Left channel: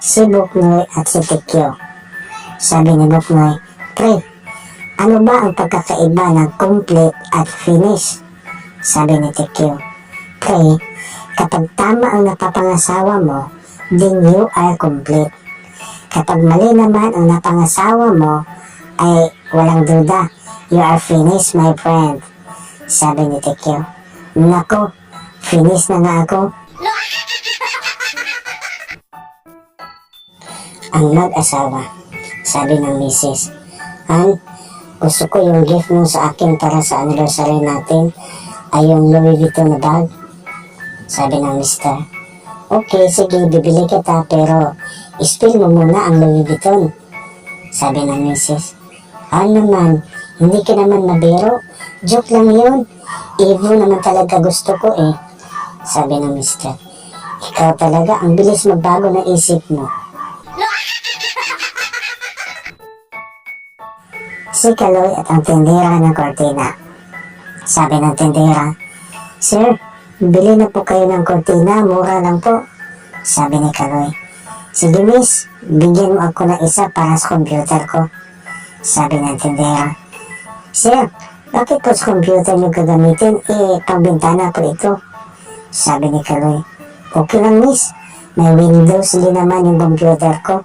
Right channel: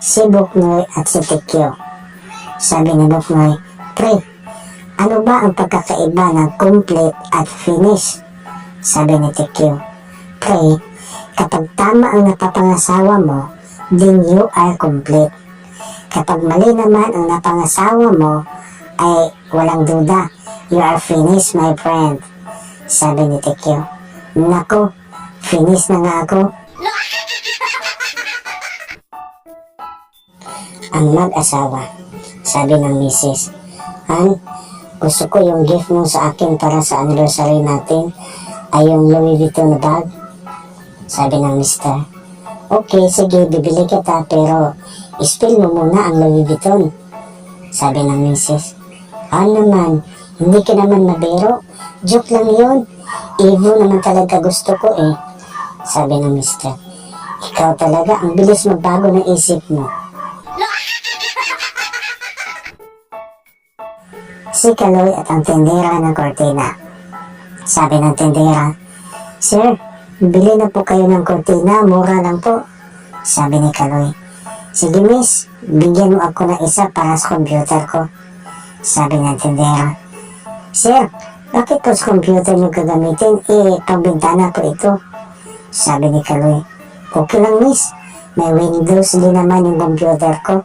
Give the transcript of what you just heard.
si Buknoy at si Tikyo. Sabi ni Buknoy, "Pre, ano ba ang pagkakaiba ng complete at finish?" Sabi ni Tikyo, "Pre, kapag tama ang napapangasawa mo, then you are complete. Kapag mali naman ang napangasawa mo, ay walang duda, you are finished, my friend." Sabi ni Tikyo, "Nako, finish na nga ako." Ang mag-asawa. Sabi ng misis, "Han, gusto ko yung gift mo sa akin para sa anniversary natin ay yung Louis Vuitton na bag." Sabi ng mister, "Okay, sige, bibili kita pero spill mo muna ang Louis Vuitton." Sabi ng misis, "Han naman, hindi ka naman mabiro. Joke lang yun. Evo naman talaga gusto ko eh." Sabi ng mister, "Ikaw talaga, ang bilis magbago ng isip mo." Si Kaloy at ang tindera ng kortina. Sabi ng tindera, "Sir, bili na po kayo ng kortina, mura lang po." Sabi ni Kaloy, "Sige miss, bigyan mo ako ng isa para sa computer ko." Sabi ng tindera, "Sir, bakit po sa computer nyo gagamitin? Pangbintana po ito." Sabi ni Kaloy, "Okay lang miss, may Windows din naman yung computer ko."